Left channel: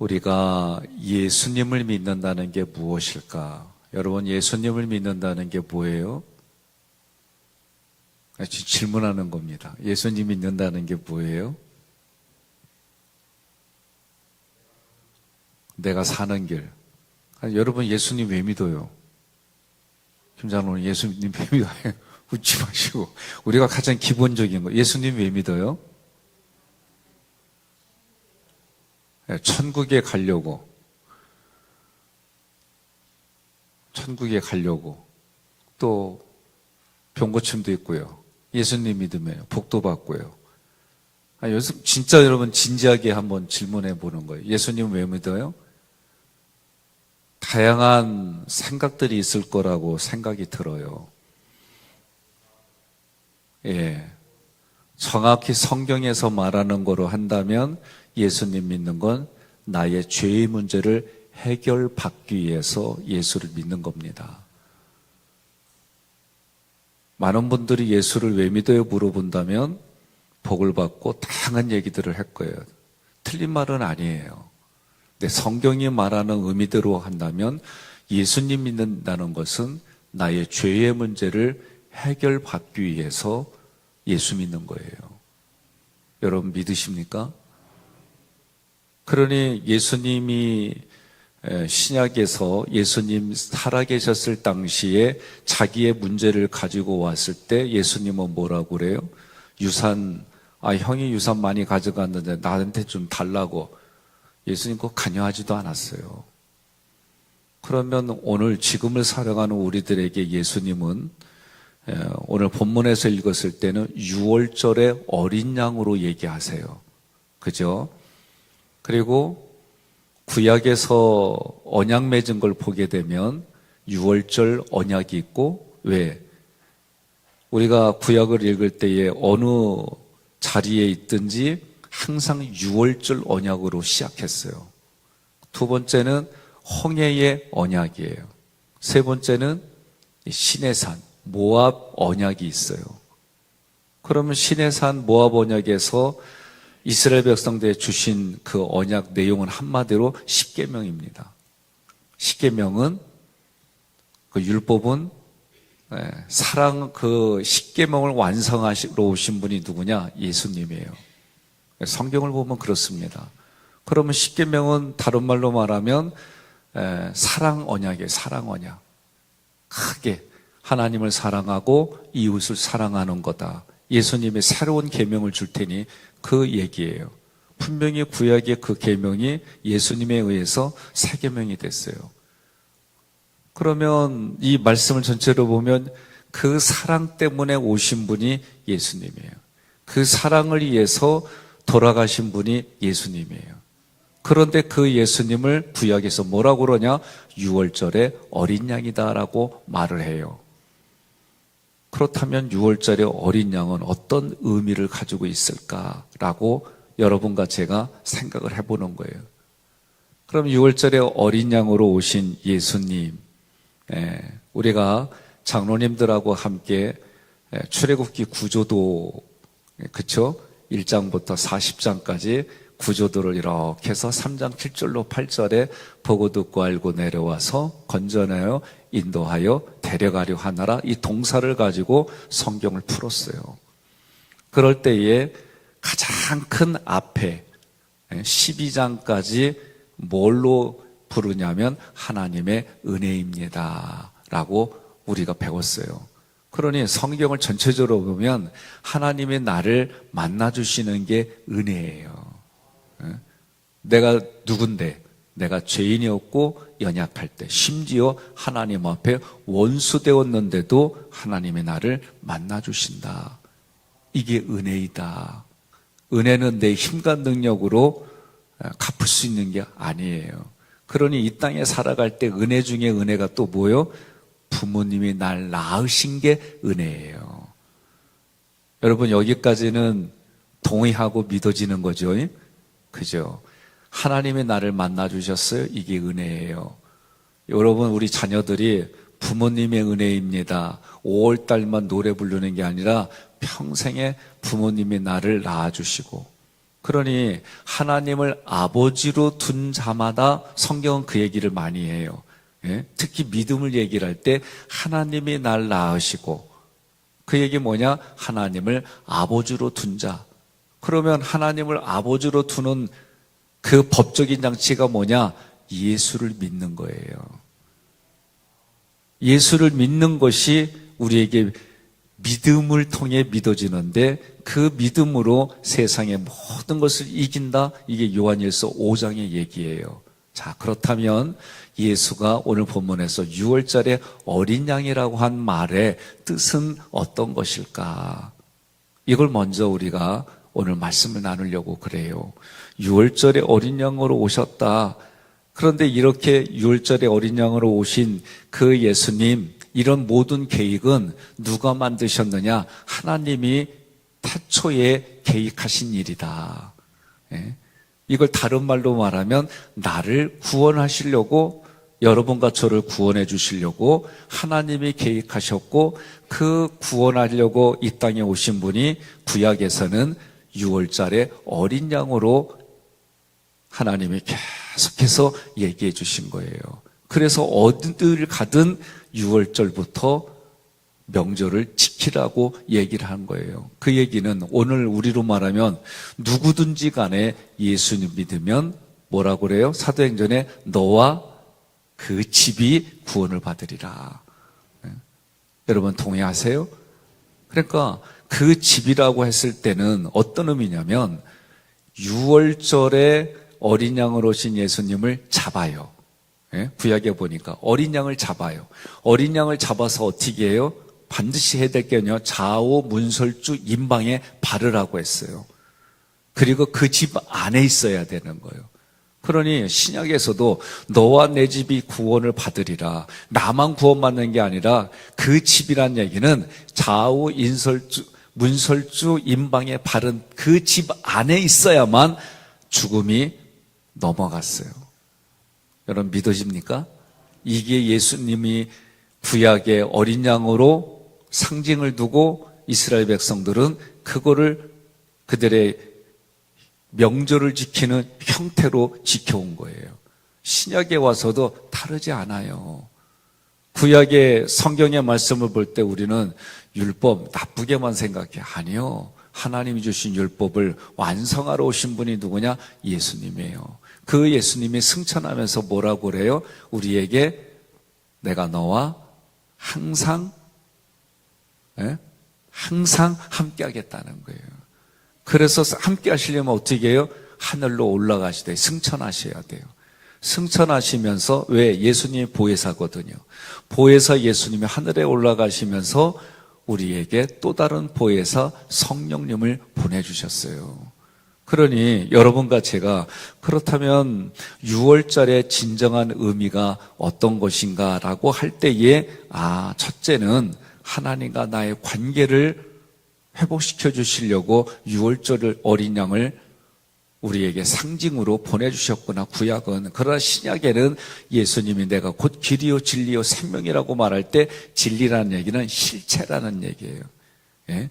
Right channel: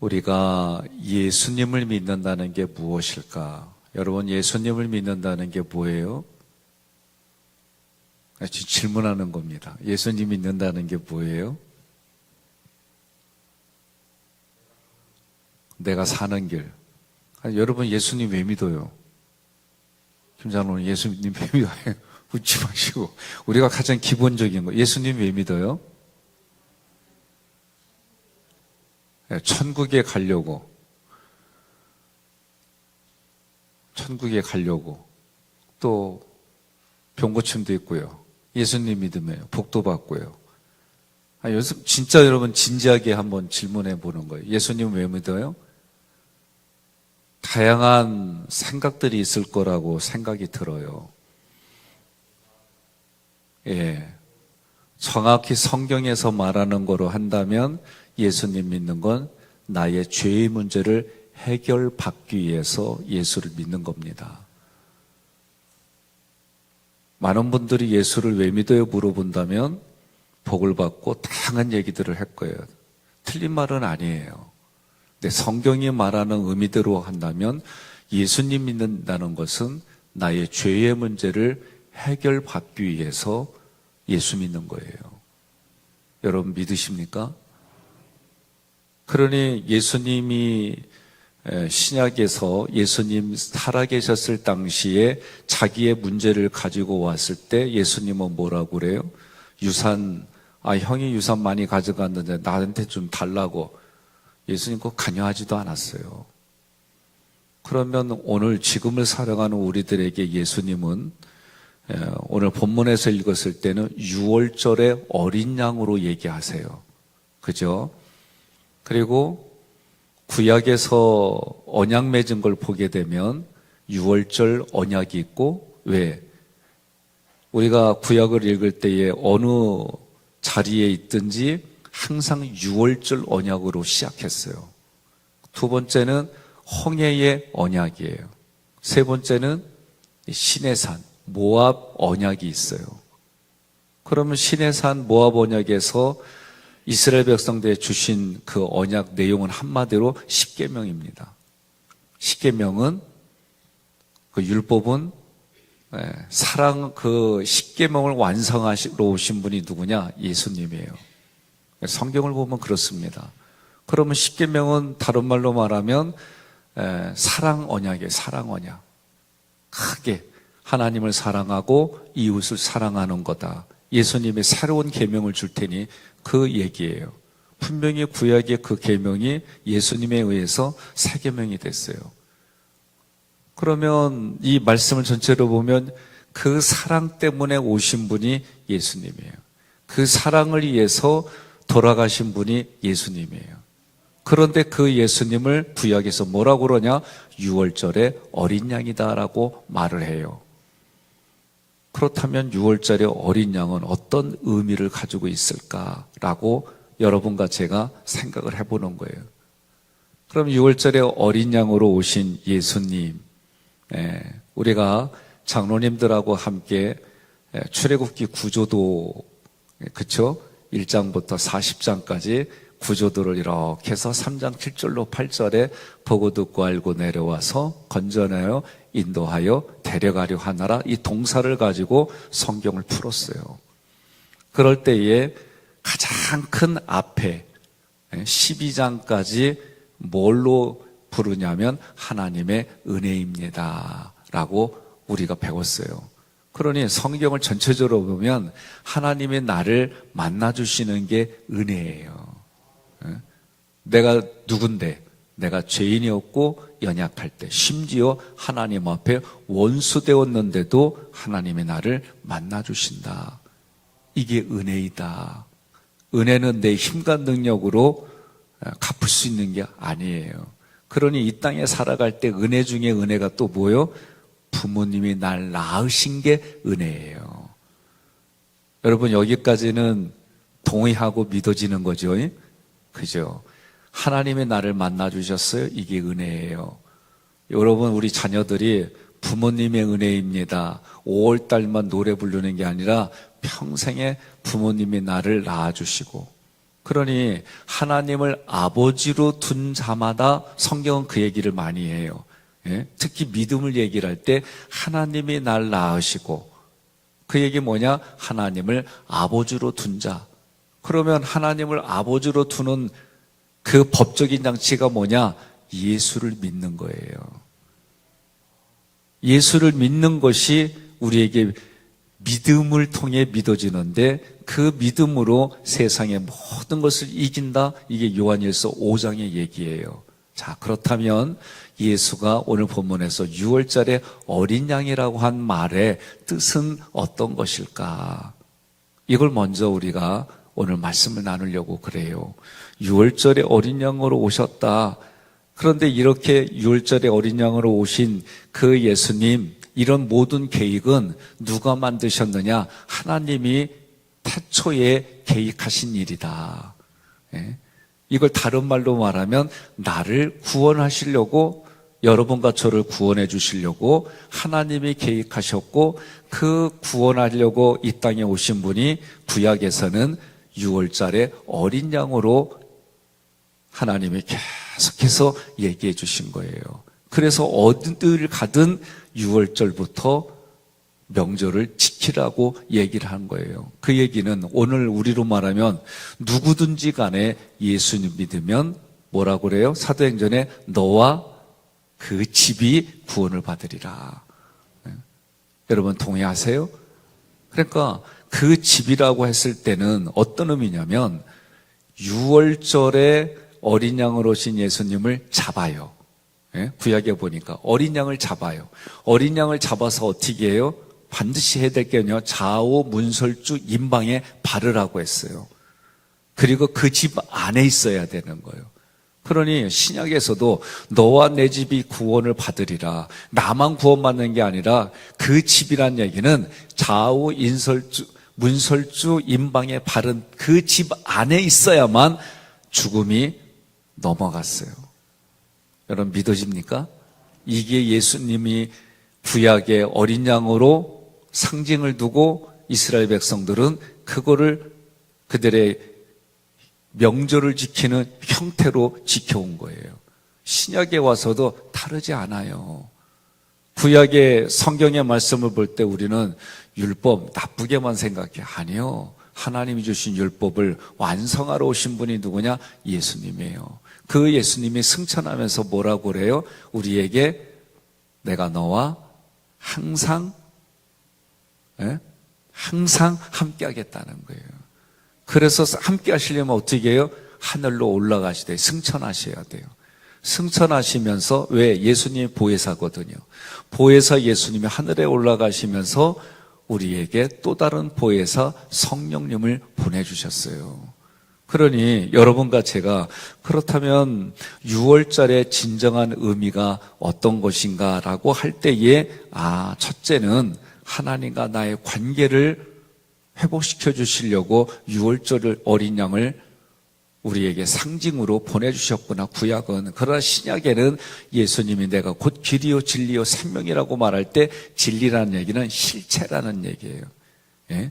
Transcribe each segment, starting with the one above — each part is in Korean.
우리가 예수님을 믿는다는 게 무엇일까? 여러분, 예수님을 믿는다는 게 뭐예요? 질문하는 겁니다. 예수님 믿는다는 게 뭐예요? 내가 사는 길. 여러분, 예수님 왜 믿어요? 김장로는 예수님 왜 믿어요? 웃지 마시고. 우리가 가장 기본적인 거. 예수님 왜 믿어요? 천국에 가려고. 또 병고침도 있고요. 예수님 믿으면 복도 받고요. 요즘 진짜 여러분 진지하게 한번 질문해 보는 거예요. 예수님 왜 믿어요? 다양한 생각들이 있을 거라고 생각이 들어요. 정확히 성경에서 말하는 거로 한다면 예수님 믿는 건 나의 죄의 문제를 해결받기 위해서 예수를 믿는 겁니다. 많은 분들이 예수를 왜 믿어요? 물어본다면 복을 받고 다양한 얘기들을 할 거예요. 틀린 말은 아니에요. 근데 성경이 말하는 의미대로 한다면 예수님 믿는다는 것은 나의 죄의 문제를 해결받기 위해서 예수 믿는 거예요. 여러분 믿으십니까? 그러니 예수님이 신약에서 예수님 살아계셨을 당시에 자기의 문제를 가지고 왔을 때 예수님은 뭐라고 그래요? 형이 유산 많이 가져갔는데 나한테 좀 달라고. 예수님 그거 관여하지도 않았어요. 그러면 오늘 지금을 살아가는 우리들에게 예수님은 오늘 본문에서 읽었을 때는 6월절의 어린 양으로 얘기하세요. 그죠? 그리고 구약에서 언약 맺은 걸 보게 되면 6월절 언약이 있고, 왜? 우리가 구약을 읽을 때에 어느 자리에 있든지 항상 6월절 언약으로 시작했어요. 두 번째는 홍해의 언약이에요. 세 번째는 시내산, 모압 언약이 있어요. 그러면 시내산 모압 언약에서 이스라엘 백성들에 주신 그 언약 내용은 한마디로 십계명입니다. 십계명은 그 율법은 그 십계명을 완성하시러 오신 분이 누구냐? 예수님이에요. 성경을 보면 그렇습니다. 그러면 십계명은 다른 말로 말하면 사랑 언약이에요. 사랑 언약. 크게 하나님을 사랑하고 이웃을 사랑하는 거다. 예수님이 새로운 계명을 줄 테니 그 얘기예요. 분명히 구약의 그 계명이 예수님에 의해서 새 계명이 됐어요. 그러면 이 말씀을 전체로 보면 그 사랑 때문에 오신 분이 예수님이에요. 그 사랑을 위해서 돌아가신 분이 예수님이에요. 그런데 그 예수님을 구약에서 뭐라고 그러냐? 6월절의 어린 양이다라고 말을 해요. 그렇다면 6월절의 어린 양은 어떤 의미를 가지고 있을까라고 여러분과 제가 생각을 해보는 거예요. 그럼 6월절의 어린 양으로 오신 예수님, 우리가 장로님들하고 함께 출애굽기 구조도, 그쵸? 1장부터 40장까지 구조도를 이렇게 해서 3장 7절로 8절에 보고 듣고 알고 내려와서 건져내어 인도하여 데려가려 하나라, 이 동사를 가지고 성경을 풀었어요. 그럴 때에 가장 큰 앞에 12장까지 뭘로 부르냐면 하나님의 은혜입니다 라고 우리가 배웠어요. 그러니 성경을 전체적으로 보면 하나님의 나를 만나주시는 게 은혜예요. 내가 누군데, 내가 죄인이었고 연약할 때, 심지어 하나님 앞에 원수 되었는데도 하나님의 나를 만나주신다. 이게 은혜이다. 은혜는 내 힘과 능력으로 갚을 수 있는 게 아니에요. 그러니 이 땅에 살아갈 때 은혜 중에 은혜가 또 뭐예요? 부모님이 날 낳으신 게 은혜예요. 여러분, 여기까지는 동의하고 믿어지는 거죠? 그죠? 하나님이 나를 만나주셨어요. 이게 은혜예요. 여러분, 우리 자녀들이 부모님의 은혜입니다. 5월달만 노래 부르는 게 아니라 평생에 부모님이 나를 낳아주시고 그러니 하나님을 아버지로 둔 자마다 성경은 그 얘기를 많이 해요. 예? 특히 믿음을 얘기를 할 때 하나님이 날 낳으시고, 그 얘기 뭐냐? 하나님을 아버지로 둔 자. 그러면 하나님을 아버지로 두는 그 법적인 장치가 뭐냐? 예수를 믿는 거예요. 예수를 믿는 것이 우리에게 믿음을 통해 믿어지는데, 그 믿음으로 세상의 모든 것을 이긴다. 이게 요한일서 5장의 얘기예요. 자, 그렇다면 예수가 오늘 본문에서 6월절에 어린 양이라고 한 말의 뜻은 어떤 것일까? 이걸 먼저 우리가 오늘 말씀을 나누려고 그래요. 6월절에 어린 양으로 오셨다. 그런데 이렇게 6월절에 어린 양으로 오신 그 예수님, 이런 모든 계획은 누가 만드셨느냐? 하나님이 태초에 계획하신 일이다. 예? 이걸 다른 말로 말하면 나를 구원하시려고, 여러분과 저를 구원해 주시려고 하나님이 계획하셨고, 그 구원하려고 이 땅에 오신 분이 구약에서는 6월절에 어린 양으로 하나님이 계속해서 얘기해 주신 거예요. 그래서 어디를 가든 6월절부터 명절을 지키라고 얘기를 한 거예요. 그 얘기는 오늘 우리로 말하면 누구든지 간에 예수님 믿으면 뭐라고 그래요? 사도행전에 너와 그 집이 구원을 받으리라. 여러분 동의하세요? 그러니까 그 집이라고 했을 때는 어떤 의미냐면 6월절에 어린 양으로 오신 예수님을 잡아요. 구약에 보니까 어린 양을 잡아요. 어린 양을 잡아서 어떻게 해요? 반드시 해야 될 게요, 좌우 문설주 임방에 바르라고 했어요. 그리고 그 집 안에 있어야 되는 거예요. 그러니 신약에서도 너와 내 집이 구원을 받으리라. 나만 구원받는 게 아니라 그 집이란 얘기는 좌우 문설주 임방에 바른 그 집 안에 있어야만 죽음이 넘어갔어요. 여러분 믿어집니까? 이게 예수님이 구약의 어린 양으로 상징을 두고 이스라엘 백성들은 그거를 그들의 명절을 지키는 형태로 지켜온 거예요. 신약에 와서도 다르지 않아요. 구약의 성경의 말씀을 볼 때 우리는 율법 나쁘게만 생각해. 아니요. 하나님이 주신 율법을 완성하러 오신 분이 누구냐? 예수님이에요. 그 예수님이 승천하면서 뭐라고 그래요? 우리에게 내가 너와 항상 함께 하겠다는 거예요. 그래서 함께 하시려면 어떻게 해요? 하늘로 올라가시되 승천하셔야 돼요. 승천하시면서, 왜? 예수님이 보혜사거든요. 보혜사 예수님이 하늘에 올라가시면서 우리에게 또 다른 보혜사 성령님을 보내주셨어요. 그러니 여러분과 제가 그렇다면 6월절의 진정한 의미가 어떤 것인가라고 할 때에, 첫째는 하나님과 나의 관계를 회복시켜 주시려고 6월절 어린 양을 우리에게 상징으로 보내주셨구나, 구약은. 그러나 신약에는 예수님이 내가 곧 길이요 진리요 생명이라고 말할 때 진리라는 얘기는 실체라는 얘기예요. 예?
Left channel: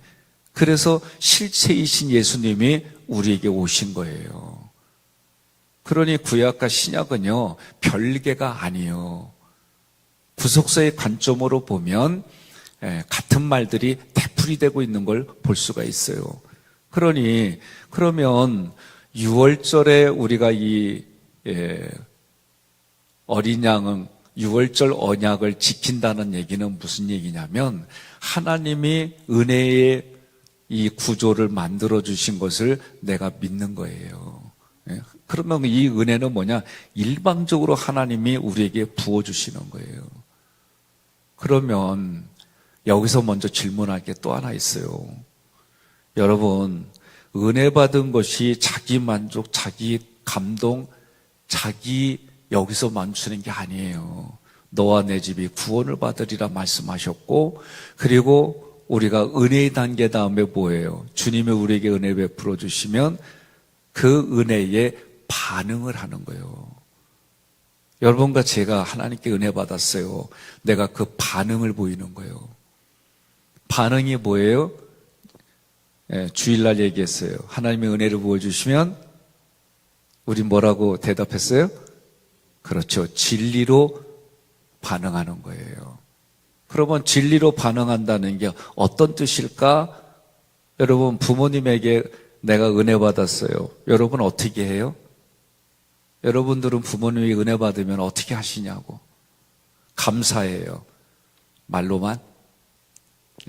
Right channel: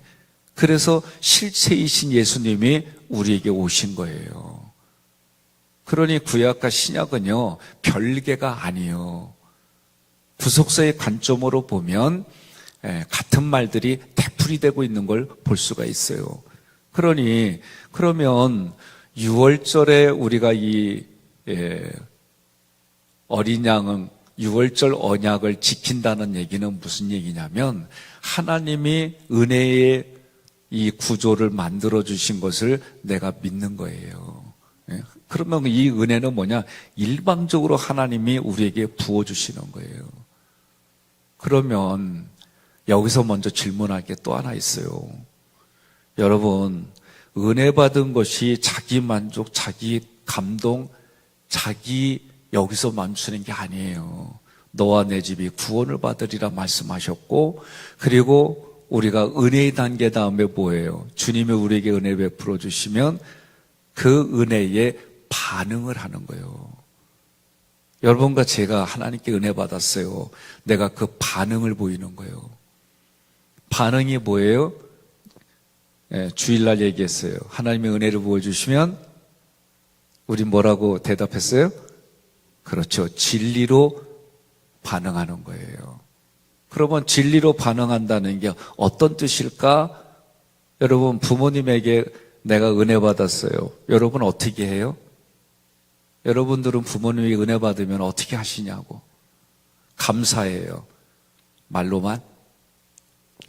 그래서 실체이신 예수님이 우리에게 오신 거예요. 그러니 구약과 신약은요, 별개가 아니에요. 구속사의 관점으로 보면 같은 말들이 되풀이되고 있는 걸 볼 수가 있어요. 그러면 6월절에 우리가 이 어린 양은 6월절 언약을 지킨다는 얘기는 무슨 얘기냐면, 하나님이 은혜의 이 구조를 만들어 주신 것을 내가 믿는 거예요. 그러면 이 은혜는 뭐냐? 일방적으로 하나님이 우리에게 부어주시는 거예요. 그러면 여기서 먼저 질문할 게 또 하나 있어요. 여러분, 은혜 받은 것이 자기 만족, 자기 감동, 자기 여기서 멈추는 게 아니에요. 너와 내 집이 구원을 받으리라 말씀하셨고, 그리고 우리가 은혜의 단계 다음에 뭐예요? 주님이 우리에게 은혜 베풀어 주시면 그 은혜에 반응을 하는 거예요. 여러분과 제가 하나님께 은혜 받았어요. 내가 그 반응을 보이는 거예요. 반응이 뭐예요? 주일날 얘기했어요. 하나님의 은혜를 보여주시면 우리 뭐라고 대답했어요? 그렇죠. 진리로 반응하는 거예요. 그러면 진리로 반응한다는 게 어떤 뜻일까? 여러분, 부모님에게 내가 은혜 받았어요. 여러분 어떻게 해요? 여러분들은 부모님이 은혜 받으면 어떻게 하시냐고. 감사해요. 말로만?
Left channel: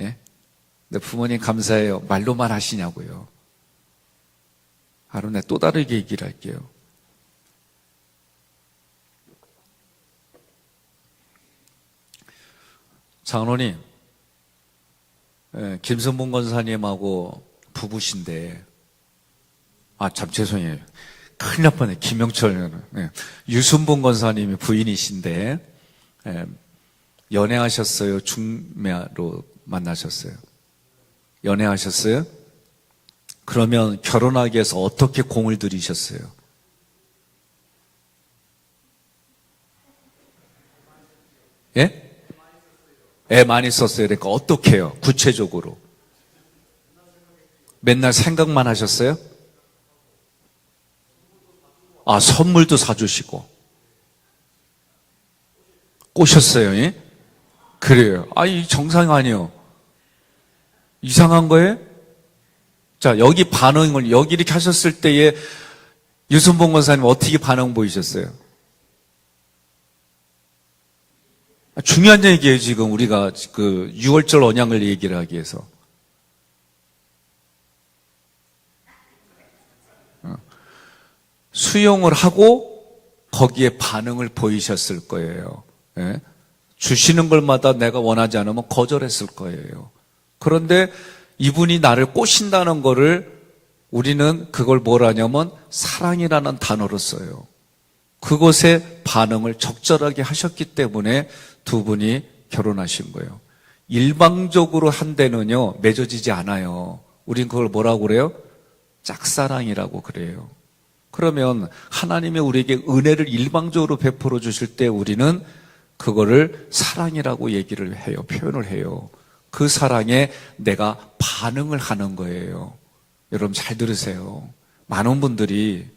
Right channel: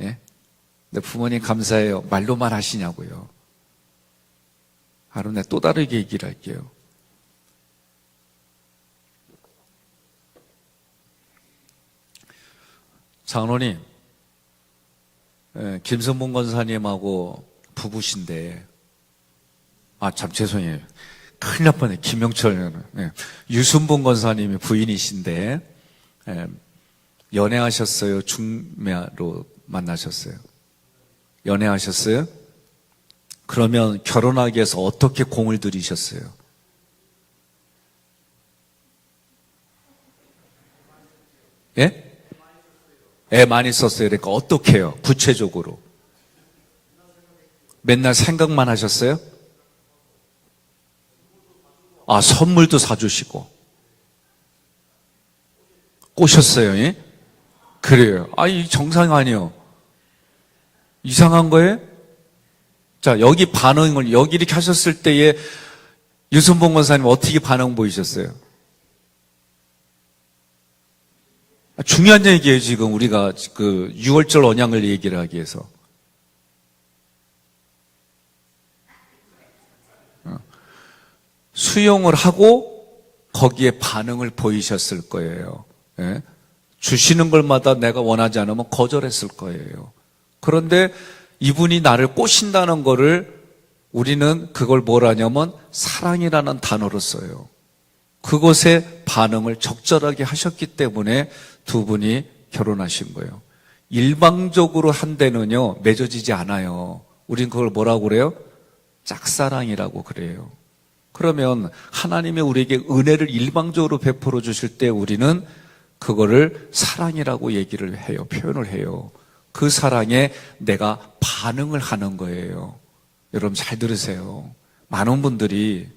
예? 근데 부모님 감사해요. 말로만 하시냐고요. 바로 내가 또 다르게 얘기를 할게요. 장로님, 김선봉 권사님하고 부부신데, 참 죄송해요. 큰일 날 뻔해. 김영철, 유순봉 권사님의 부인이신데, 연애하셨어요? 중매로 만나셨어요? 연애하셨어요? 그러면 결혼하기 위해서 어떻게 공을 들이셨어요? 예? 애 많이 썼어요. 그러니까 어떻게 해요? 구체적으로. 맨날 생각만 하셨어요? 선물도 사주시고. 꼬셨어요, 예? 그래요. 이 정상 아니에요. 이상한 거예요? 자, 여기 반응을, 여기 이렇게 하셨을 때에 유순봉 권사님 어떻게 반응 보이셨어요? 중요한 얘기예요, 지금 우리가 그 6월절 언약을 얘기를 하기 위해서. 수용을 하고 거기에 반응을 보이셨을 거예요. 예? 주시는 걸마다 내가 원하지 않으면 거절했을 거예요. 그런데 이분이 나를 꼬신다는 거를 우리는 그걸 뭘 하냐면 사랑이라는 단어로 써요. 그것에 반응을 적절하게 하셨기 때문에 두 분이 결혼하신 거예요. 일방적으로 한 데는요, 맺어지지 않아요. 우린 그걸 뭐라고 그래요? 짝사랑이라고 그래요. 그러면 하나님이 우리에게 은혜를 일방적으로 베풀어 주실 때 우리는 그거를 사랑이라고 얘기를 해요. 표현을 해요. 그 사랑에 내가 반응을 하는 거예요. 여러분 잘 들으세요. 많은 분들이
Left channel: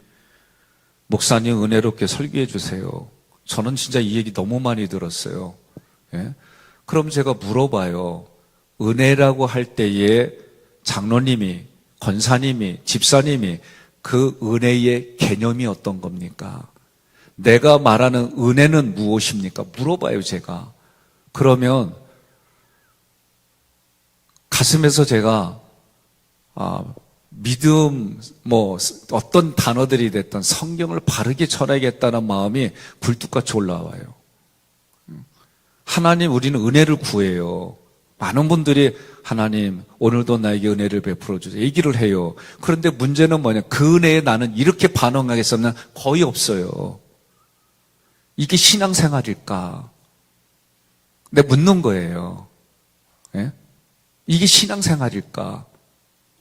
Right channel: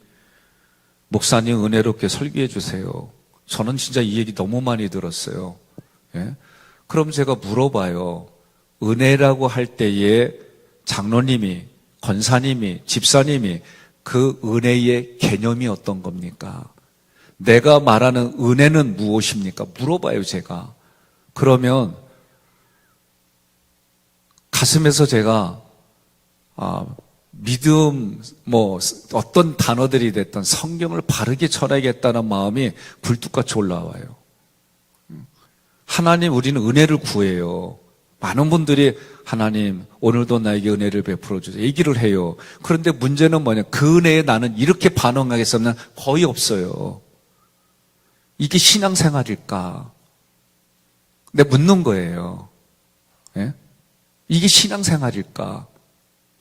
목사님 은혜롭게 설교해 주세요. 저는 진짜 이 얘기 너무 많이 들었어요. 예? 그럼 제가 물어봐요. 은혜라고 할 때에 장로님이, 권사님이, 집사님이 그 은혜의 개념이 어떤 겁니까? 내가 말하는 은혜는 무엇입니까? 물어봐요, 제가. 그러면 가슴에서 제가 믿음, 어떤 단어들이 됐든 성경을 바르게 전하겠다는 마음이 굴뚝같이 올라와요. 하나님, 우리는 은혜를 구해요. 많은 분들이 하나님, 오늘도 나에게 은혜를 베풀어 주세요. 얘기를 해요. 그런데 문제는 뭐냐? 그 은혜에 나는 이렇게 반응하겠어는 거의 없어요. 이게 신앙생활일까? 내가 묻는 거예요. 예? 이게 신앙생활일까?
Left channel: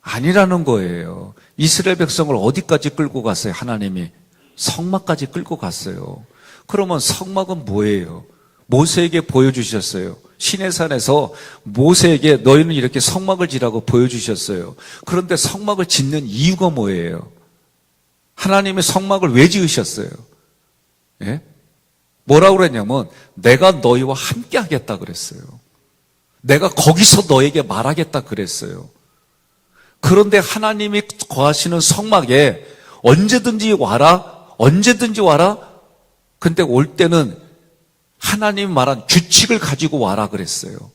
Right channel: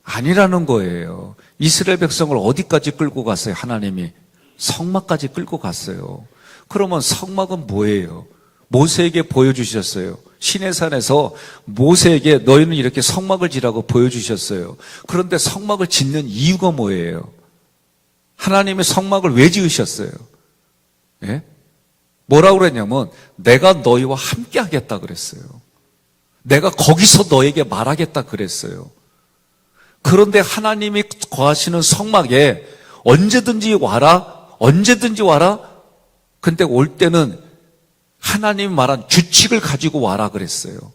아니라는 거예요. 이스라엘 백성을 어디까지 끌고 갔어요? 하나님이 성막까지 끌고 갔어요. 그러면 성막은 뭐예요? 모세에게 보여주셨어요. 시내산에서 모세에게 너희는 이렇게 성막을 지라고 보여주셨어요. 그런데 성막을 짓는 이유가 뭐예요? 하나님의 성막을 왜 지으셨어요? 예? 뭐라고 그랬냐면 내가 너희와 함께 하겠다 그랬어요. 내가 거기서 너에게 말하겠다 그랬어요. 그런데 하나님이 거하시는 성막에 언제든지 와라, 언제든지 와라. 근데 올 때는 하나님 말한 규칙을 가지고 와라 그랬어요.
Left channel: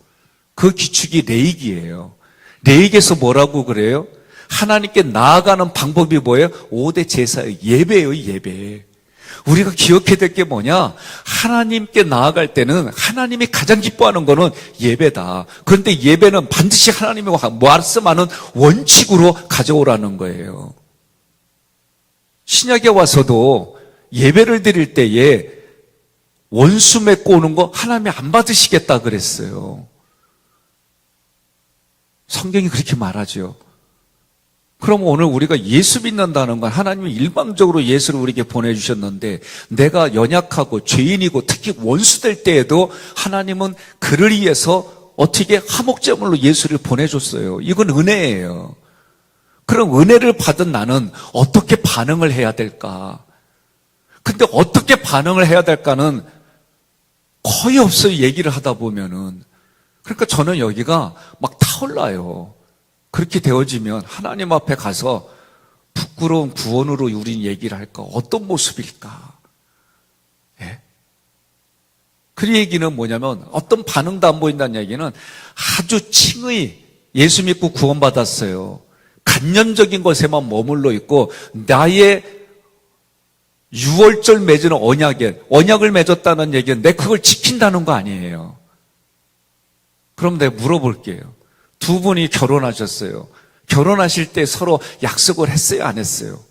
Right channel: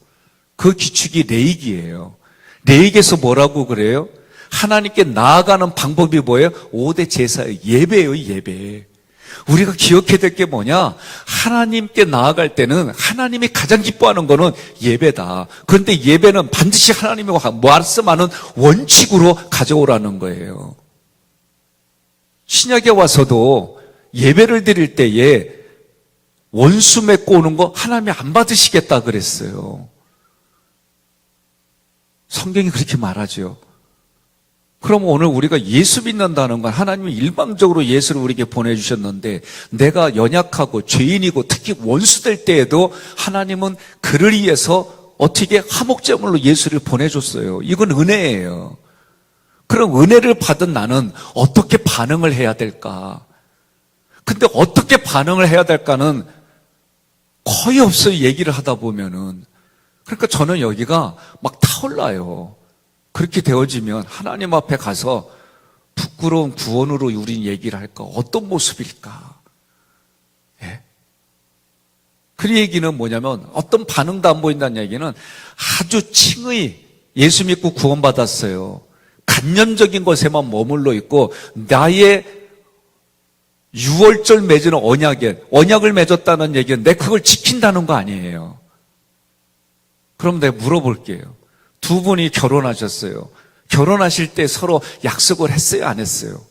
그 규칙이 레위기예요. 레위기에서 뭐라고 그래요? 하나님께 나아가는 방법이 뭐예요? 5대 제사의 예배예요, 예배. 우리가 기억해야 될 게 뭐냐? 하나님께 나아갈 때는 하나님이 가장 기뻐하는 거는 예배다. 그런데 예배는 반드시 하나님이 말씀하는 원칙으로 가져오라는 거예요. 신약에 와서도 예배를 드릴 때에 원수 맺고 오는 거 하나님이 안 받으시겠다 그랬어요. 성경이 그렇게 말하죠. 그럼 오늘 우리가 예수 믿는다는 건 하나님이 일방적으로 예수를 우리에게 보내주셨는데 내가 연약하고 죄인이고 특히 원수될 때에도 하나님은 그를 위해서 어떻게 화목제물로 예수를 보내줬어요. 이건 은혜예요. 그럼 은혜를 받은 나는 어떻게 반응을 해야 될까? 근데 어떻게 반응을 해야 될까는 거의 없어요, 얘기를 하다 보면은. 그러니까 저는 여기가 막 타올라요. 그렇게 되어지면 하나님 앞에 가서 부끄러운 구원으로 우린 얘기를 할까? 어떤 모습일까? 예. 그 얘기는 뭐냐면 어떤 반응도 안 보인다는 얘기는 아주 칭의 예수 믿고 구원받았어요. 간념적인 것에만 머물러 있고 나의 6월절 맺은 언약을 맺었다는 얘기는 내 그걸 지킨다는 거 아니에요. 그럼 내가 물어볼게요. 두 분이 결혼하셨어요. 결혼하실 때 서로 약속을 했어요, 안 했어요?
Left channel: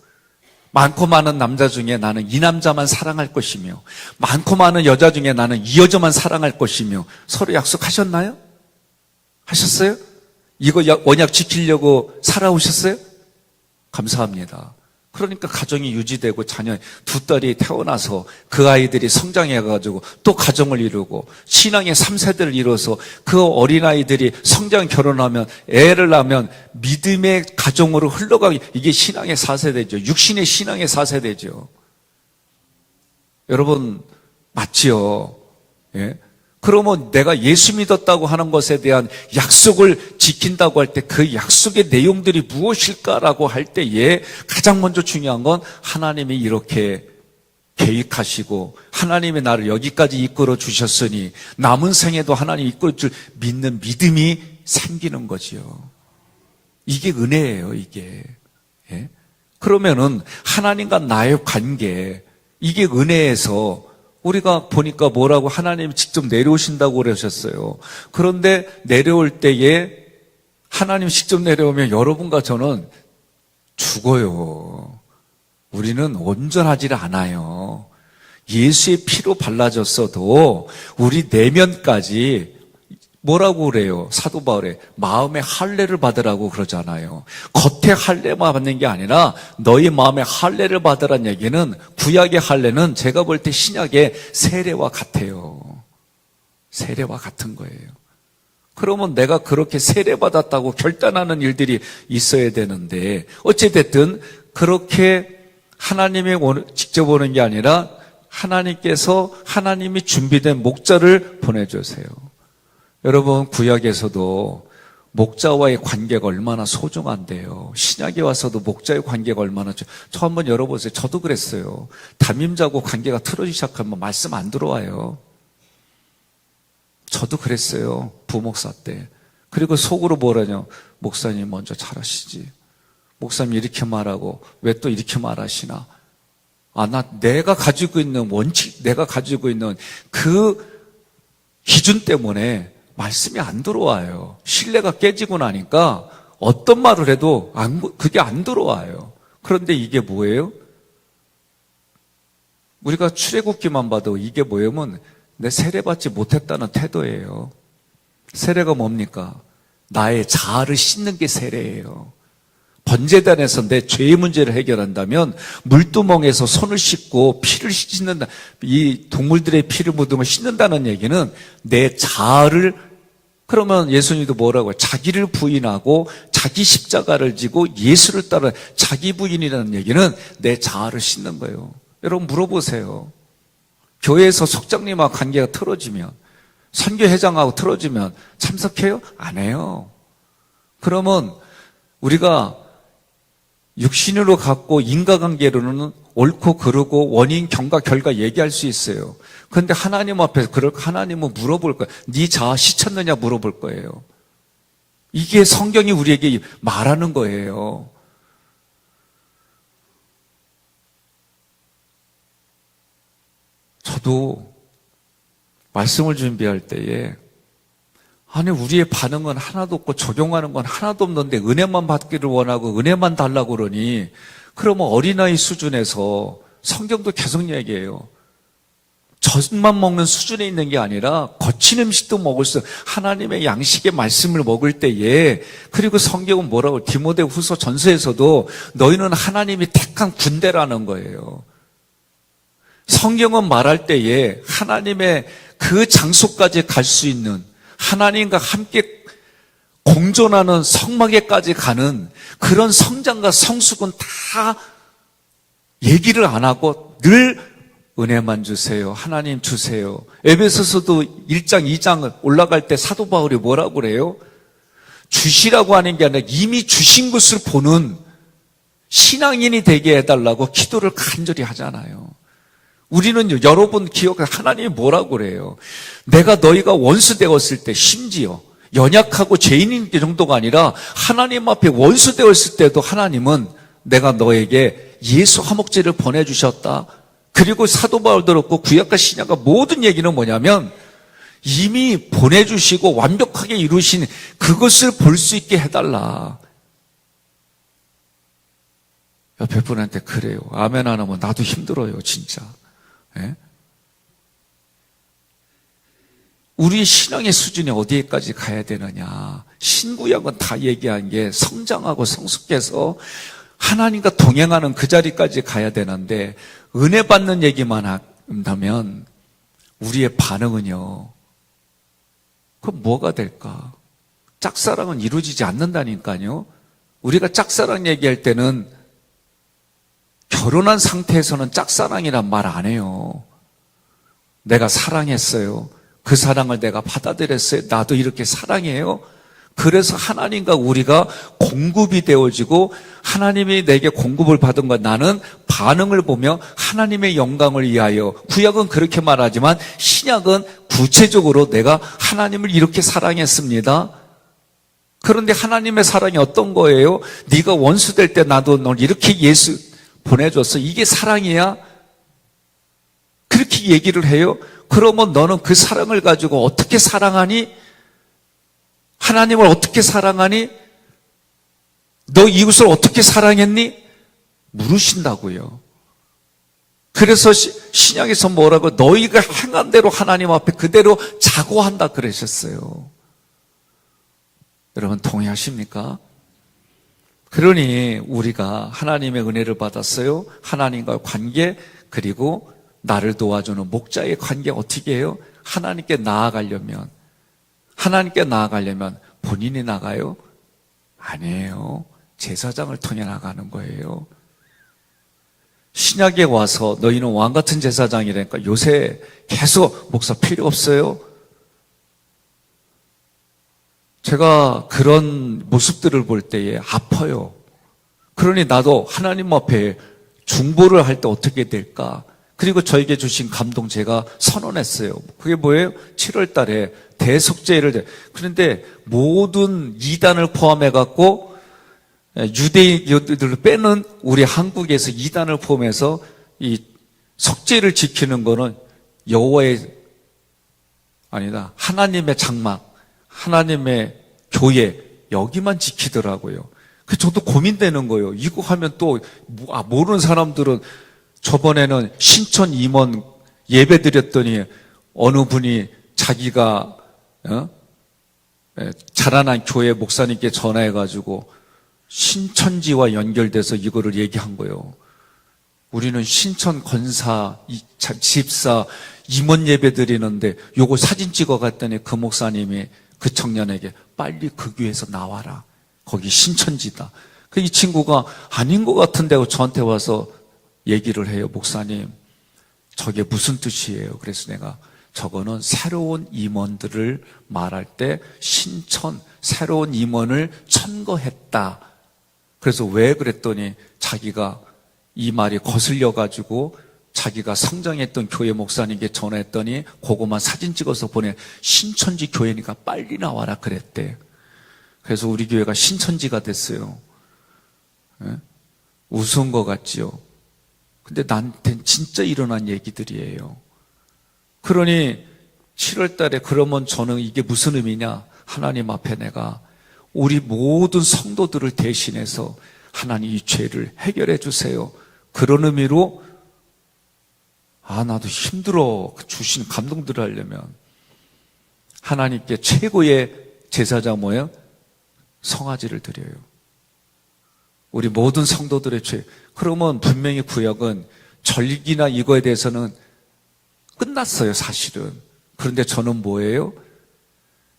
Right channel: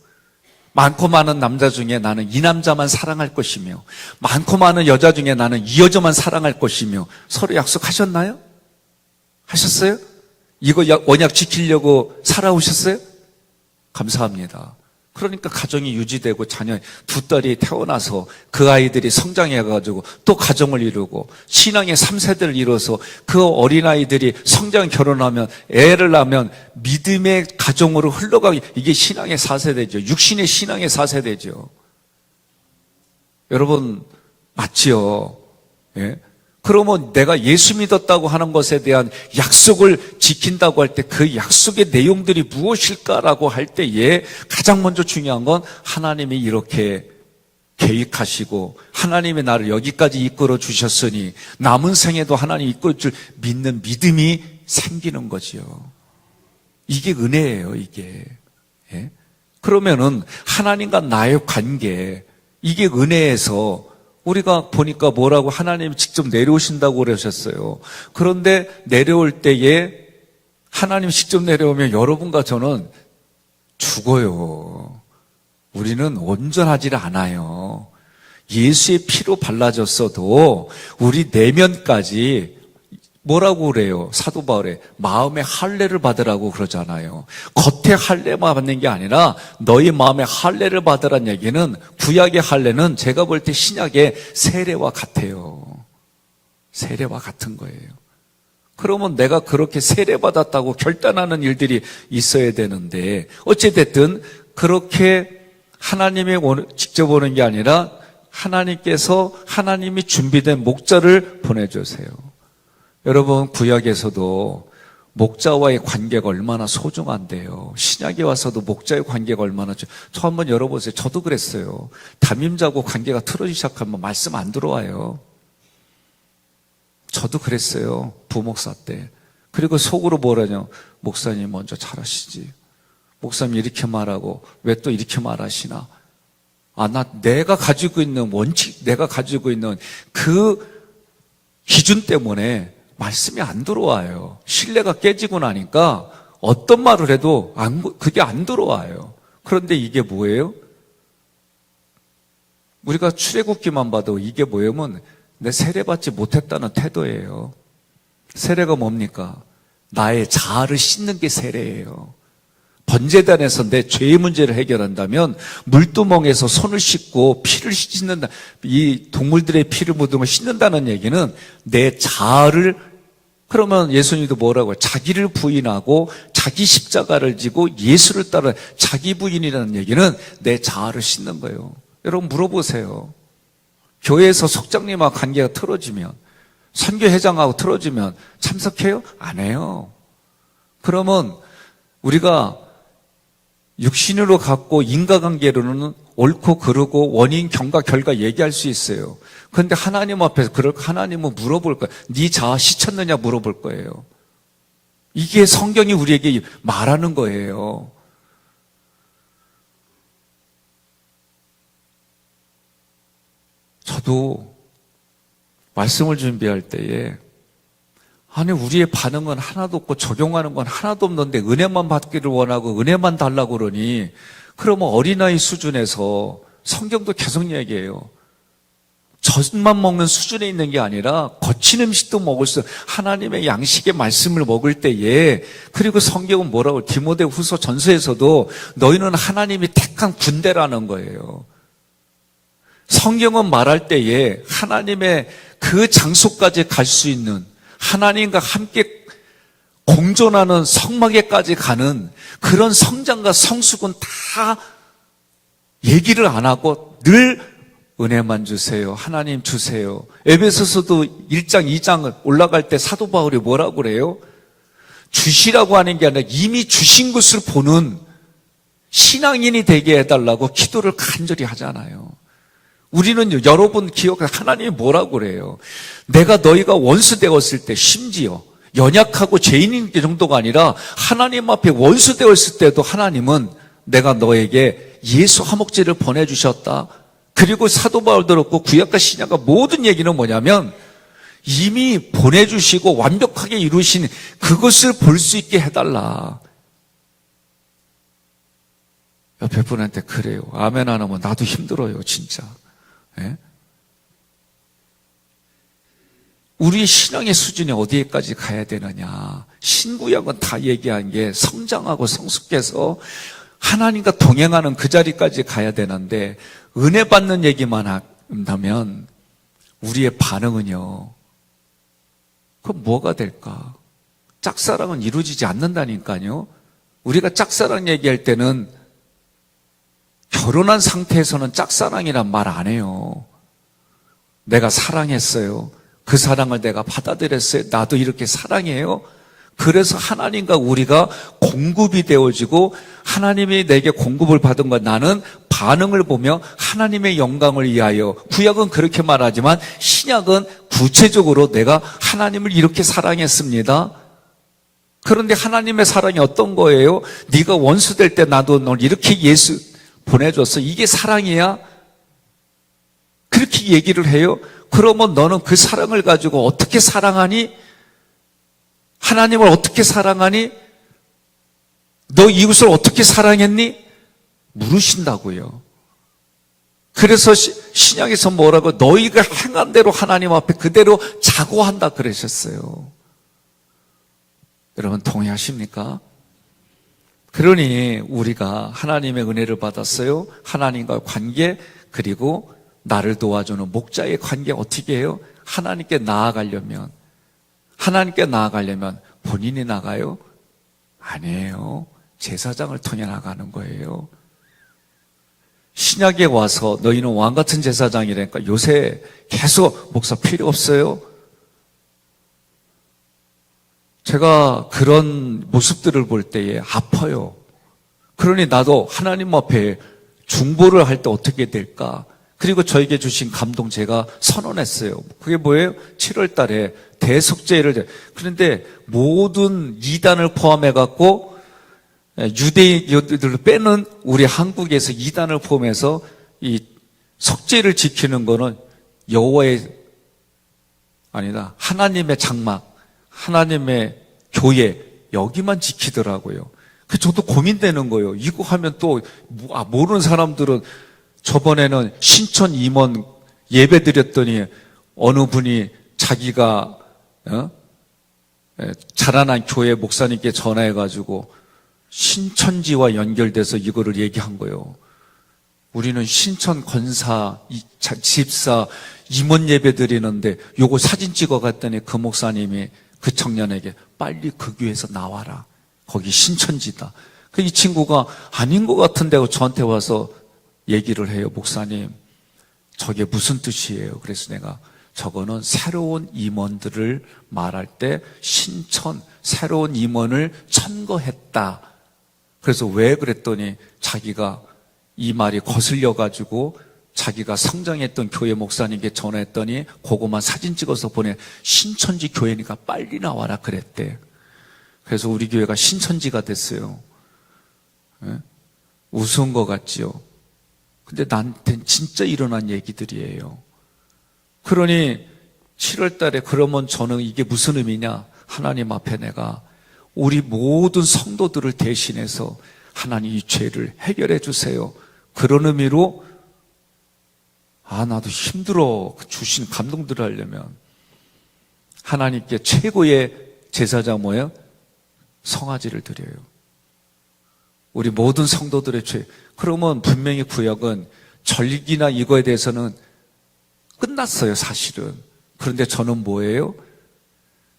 많고 많은 남자 중에 나는 이 남자만 사랑할 것이며 많고 많은 여자 중에 나는 이 여자만 사랑할 것이며 서로 약속하셨나요? 하셨어요? 이거 언약 지키려고 살아오셨어요? 감사합니다. 그러니까 가정이 유지되고 자녀 두 딸이 태어나서 그 아이들이 성장해가지고 또 가정을 이루고 신앙의 3세대를 이뤄서 그 어린아이들이 성장 결혼하면 애를 낳으면 믿음의 가정으로 흘러가기, 이게 신앙의 4세대죠. 육신의 신앙의 4세대죠. 여러분 맞지요? 예? 그러면 내가 예수 믿었다고 하는 것에 대한 약속을 지킨다고 할 때 그 약속의 내용들이 무엇일까라고 할 때에 가장 먼저 중요한 건 하나님이 이렇게 계획하시고 하나님이 나를 여기까지 이끌어 주셨으니 남은 생에도 하나님 이끌어 줄 믿는 믿음이 생기는 거지요. 이게 은혜예요, 이게. 예? 그러면은 하나님과 나의 관계, 이게 은혜에서 우리가 보니까 뭐라고 하나님이 직접 내려오신다고 그러셨어요. 그런데 내려올 때에 하나님 직접 내려오면 여러분과 저는 죽어요. 우리는 온전하지 않아요. 예수의 피로 발라졌어도 우리 내면까지 뭐라고 그래요? 사도 바울에 마음의 할례를 받으라고 그러잖아요. 겉의 할례만 받는 게 아니라 너희 마음의 할례를 받으라는 얘기는 구약의 할례는 제가 볼 때 신약의 세례와 같아요. 세례와 같은 거예요. 그러면 내가 그렇게 세례받았다고 결단하는 일들이 있어야 되는데 어찌됐든 그렇게 하나님이 직접 오는 게 아니라 하나님께서 하나님이 준비된 목자를 보내주세요. 여러분 구약에서도 목자와의 관계가 얼마나 소중한데요. 신약에 와서도 목자의 관계가 얼마나 저 한번 열어보세요. 저도 그랬어요. 담임자고 관계가 틀어지기 시작하면 말씀 안 들어와요. 저도 그랬어요. 부목사 때. 그리고 속으로 뭐라냐. 목사님 먼저 잘하시지. 목사님 이렇게 말하고 왜 또 이렇게 말하시나. 내가 가지고 있는 원칙, 내가 가지고 있는 그 기준 때문에 말씀이 안 들어와요. 신뢰가 깨지고 나니까 어떤 말을 해도 그게 안 들어와요. 그런데 이게 뭐예요? 우리가 출애굽기만 봐도 이게 뭐냐면 내 세례받지 못했다는 태도예요. 세례가 뭡니까? 나의 자아를 씻는 게 세례예요. 번제단에서 내 죄의 문제를 해결한다면 물두멍에서 손을 씻고 피를 씻는다. 이 동물들의 피를 묻으면 씻는다는 얘기는 내 자아를, 그러면 예수님도 뭐라고 해요? 자기를 부인하고 자기 십자가를 지고 예수를 따라 자기 부인이라는 얘기는 내 자아를 씻는 거예요. 여러분 물어보세요. 교회에서 속장님하고 관계가 틀어지면, 선교회장하고 틀어지면 참석해요? 안 해요. 그러면 우리가 육신으로 갖고 인과관계로는 옳고 그르고 원인, 경과, 결과 얘기할 수 있어요. 그런데 하나님 앞에서 하나님은 물어볼 거예요. 네 자아 씻었느냐 물어볼 거예요. 이게 성경이 우리에게 말하는 거예요. 저도 말씀을 준비할 때에 아니 우리의 반응은 하나도 없고 적용하는 건 하나도 없는데 은혜만 받기를 원하고 은혜만 달라고 그러니 그러면 어린아이 수준에서 성경도 계속 얘기해요. 젖만 먹는 수준에 있는 게 아니라 거친 음식도 먹을 수, 하나님의 양식의 말씀을 먹을 때에, 그리고 성경은 뭐라고 디모데후서 전서에서도 너희는 하나님이 택한 군대라는 거예요. 성경은 말할 때에 하나님의 그 장소까지 갈 수 있는, 하나님과 함께 공존하는 성막에까지 가는 그런 성장과 성숙은 다 얘기를 안 하고 늘 은혜만 주세요. 하나님 주세요. 에베소서도 1장, 2장 올라갈 때 사도 바울이 뭐라고 그래요? 주시라고 하는 게 아니라 이미 주신 것을 보는 신앙인이 되게 해달라고 기도를 간절히 하잖아요. 우리는 여러분 기억해, 하나님이 뭐라고 그래요? 내가 너희가 원수 되었을 때, 심지어 연약하고 죄인인 게 정도가 아니라 하나님 앞에 원수 되었을 때도 하나님은 내가 너에게 예수 화목제를 보내주셨다. 그리고 사도 바울도 그렇고 구약과 신약과 모든 얘기는 뭐냐면 이미 보내주시고 완벽하게 이루신 그것을 볼 수 있게 해달라. 옆에 분한테 그래요. 아멘 안 하면 나도 힘들어요, 진짜. 예? 우리 신앙의 수준이 어디에까지 가야 되느냐. 신구약은 다 얘기한 게 성장하고 성숙해서 하나님과 동행하는 그 자리까지 가야 되는데 은혜 받는 얘기만 한다면 우리의 반응은요. 그럼 뭐가 될까? 짝사랑은 이루어지지 않는다니까요. 우리가 짝사랑 얘기할 때는 결혼한 상태에서는 짝사랑이란 말 안 해요. 내가 사랑했어요. 그 사랑을 내가 받아들였어요. 나도 이렇게 사랑해요. 그래서 하나님과 우리가 공급이 되어지고 하나님이 내게 공급을 받은 것, 나는 반응을 보며 하나님의 영광을 위하여. 구약은 그렇게 말하지만 신약은 구체적으로 내가 하나님을 이렇게 사랑했습니다. 그런데 하나님의 사랑이 어떤 거예요? 네가 원수 될 때 나도 널 이렇게 예수 보내줬어. 이게 사랑이야? 그렇게 얘기를 해요? 그러면 너는 그 사랑을 가지고 어떻게 사랑하니? 하나님을 어떻게 사랑하니? 너 이웃을 어떻게 사랑했니? 물으신다고요. 그래서 신약에서 뭐라고? 너희가 행한 대로 하나님 앞에 그대로 자고한다 그러셨어요. 여러분 동의하십니까? 그러니 우리가 하나님의 은혜를 받았어요. 하나님과 관계, 그리고 나를 도와주는 목자의 관계 어떻게 해요? 하나님께 나아가려면 본인이 나가요? 아니에요. 제사장을 통해 나가는 거예요. 신약에 와서 너희는 왕같은 제사장이라니까 요새 계속 목사 필요 없어요. 제가 그런 모습들을 볼 때에 아파요. 그러니 나도 하나님 앞에 중보를 할 때 어떻게 될까? 그리고 저에게 주신 감동 제가 선언했어요. 그게 뭐예요? 7월 달에 대속죄를. 그런데 모든 이단을 포함해갖고 유대인들을 빼는 우리 한국에서 이단을 포함해서 이 속죄를 지키는 거는 여호와의 아니다. 하나님의 장막, 하나님의 교회 여기만 지키더라고요. 그 저도 고민되는 거예요. 이거 하면 또 모르는 사람들은 저번에는 신천 임원 예배 드렸더니 어느 분이 자기가 자라난 교회 목사님께 전화해가지고 신천지와 연결돼서 이거를 얘기한 거예요. 우리는 신천 권사, 집사, 임원 예배 드리는데 요거 사진 찍어 갔더니 그 목사님이 그 청년에게 빨리 그 교회에서 나와라. 거기 신천지다. 이 친구가 아닌 것 같은데 저한테 와서 얘기를 해요. 목사님, 저게 무슨 뜻이에요? 그래서 내가 저거는 새로운 임원들을 말할 때 신천, 새로운 임원을 천거했다. 그래서 왜 그랬더니 자기가 이 말이 거슬려가지고 자기가 성장했던 교회 목사님께 전화했더니 그거만 사진 찍어서 보내. 신천지 교회니까 빨리 나와라 그랬대. 그래서 우리 교회가 신천지가 됐어요. 우스운 것 같지요? 근데 나한테는 진짜 일어난 얘기들이에요. 그러니 7월 달에 그러면 저는 이게 무슨 의미냐? 하나님 앞에 내가 우리 모든 성도들을 대신해서 하나님 이 죄를 해결해 주세요. 그런 의미로 나도 힘들어. 주신 감동들을 하려면 하나님께 최고의 제사장 뭐예요? 성화제를 드려요. 우리 모든 성도들의 죄. 그러면 분명히 구약은 절기나 이거에 대해서는 끝났어요, 사실은. 그런데 저는 뭐예요?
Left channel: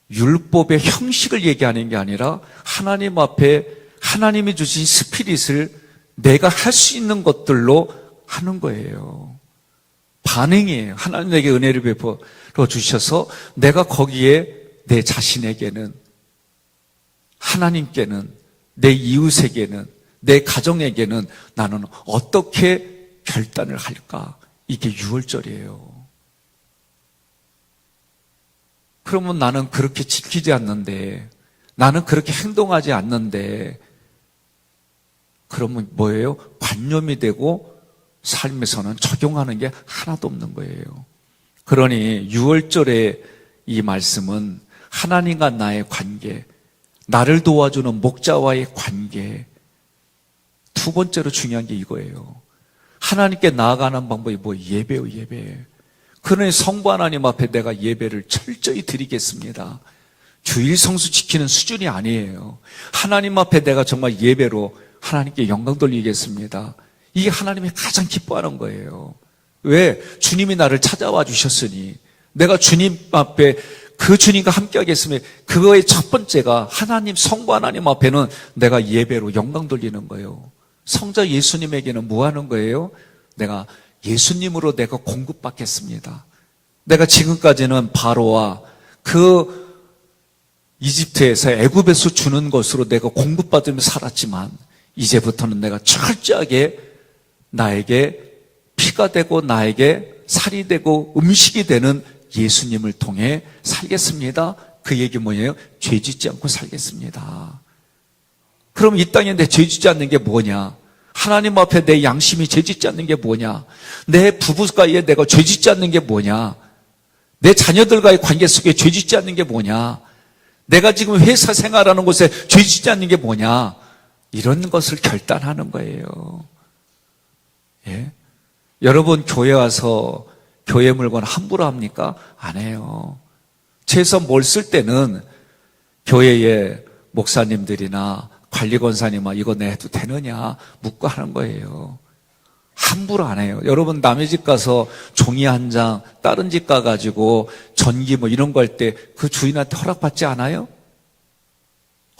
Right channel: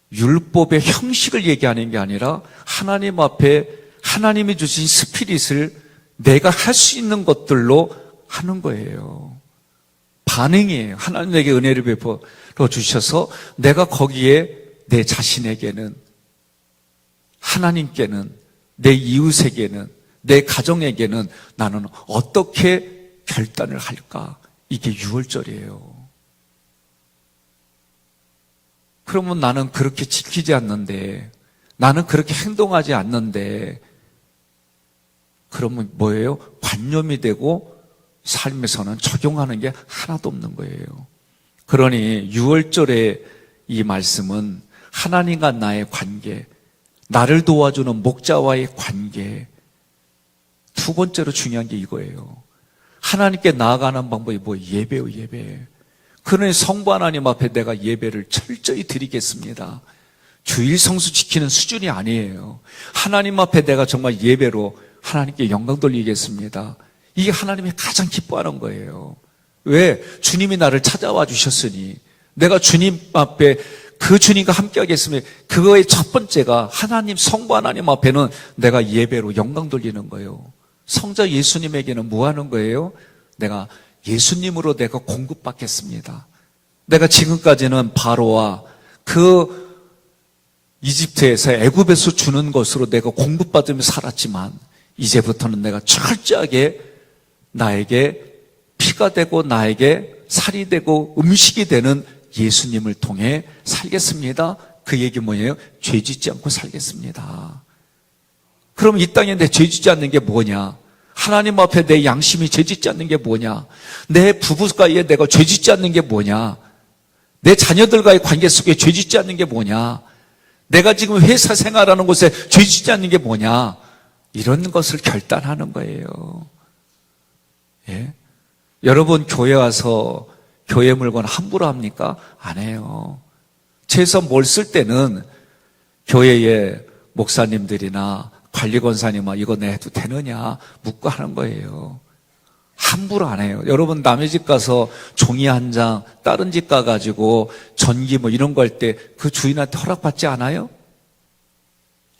율법의 형식을 얘기하는 게 아니라 하나님 앞에 하나님이 주신 스피릿을 내가 할 수 있는 것들로 하는 거예요. 반응이에요. 하나님 내게 은혜를 베풀어 주셔서 내가 거기에 내 자신에게는, 하나님께는, 내 이웃에게는, 내 가정에게는 나는 어떻게 결단을 할까? 이게 유월절이에요. 그러면 나는 그렇게 지키지 않는데, 나는 그렇게 행동하지 않는데, 그러면 뭐예요? 관념이 되고 삶에서는 적용하는 게 하나도 없는 거예요. 그러니 유월절의 이 말씀은 하나님과 나의 관계, 나를 도와주는 목자와의 관계, 두 번째로 중요한 게 이거예요. 하나님께 나아가는 방법이 뭐 예배요, 예배. 그러니 성부 하나님 앞에 내가 예배를 철저히 드리겠습니다. 주일 성수 지키는 수준이 아니에요. 하나님 앞에 내가 정말 예배로 하나님께 영광 돌리겠습니다. 이게 하나님이 가장 기뻐하는 거예요. 왜? 주님이 나를 찾아와 주셨으니 내가 주님 앞에 그 주님과 함께 하겠으면 그거의 첫 번째가 하나님, 성부 하나님 앞에는 내가 예배로 영광 돌리는 거예요. 성자 예수님에게는 뭐 하는 거예요? 내가 예수님으로 내가 공급받겠습니다. 내가 지금까지는 바로와 그 이집트에서 애굽에서 주는 것으로 내가 공급받으며 살았지만 이제부터는 내가 철저하게 나에게 피가 되고 나에게 살이 되고 음식이 되는 예수님을 통해 살겠습니다. 그 얘기 뭐예요? 죄 짓지 않고 살겠습니다. 그럼 이 땅에 내 죄 짓지 않는 게 뭐냐? 하나님 앞에 내 양심이 죄 짓지 않는 게 뭐냐? 내 부부가에 내가 죄 짓지 않는 게 뭐냐? 내 자녀들과의 관계 속에 죄 짓지 않는 게 뭐냐? 내가 지금 회사 생활하는 곳에 죄 짓지 않는 게 뭐냐? 이런 것을 결단하는 거예요. 예? 여러분 교회 와서 교회 물건 함부로 합니까? 안 해요. 최소 뭘 쓸 때는 교회의 목사님들이나 관리권사님아 이거 내도 되느냐 묻고 하는 거예요. 함부로 안 해요. 여러분 남의 집 가서 종이 한 장 다른 집 가가지고 전기 뭐 이런 거 할 때 그 주인한테 허락받지 않아요?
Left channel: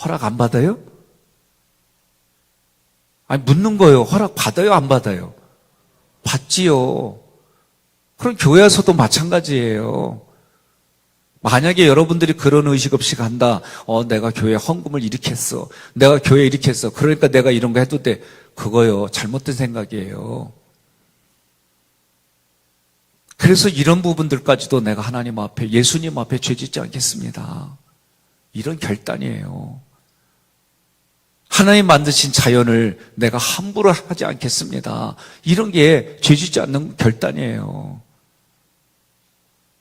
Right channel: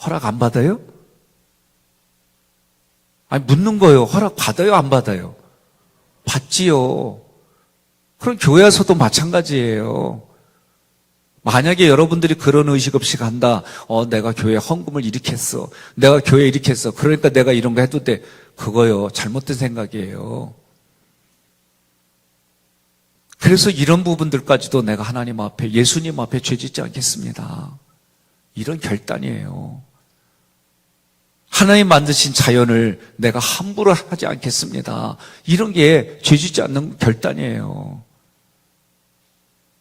허락 안 받아요? 아니 묻는 거예요. 허락 받아요? 안 받아요? 받지요. 그럼 교회에서도 마찬가지예요. 만약에 여러분들이 그런 의식 없이 간다. 내가 교회 헌금을 이렇게 했어. 내가 교회 이렇게 했어. 그러니까 내가 이런 거 해도 돼. 그거요. 잘못된 생각이에요. 그래서 이런 부분들까지도 내가 하나님 앞에, 예수님 앞에 죄 짓지 않겠습니다. 이런 결단이에요. 하나님 만드신 자연을 내가 함부로 하지 않겠습니다. 이런 게 죄 짓지 않는 결단이에요.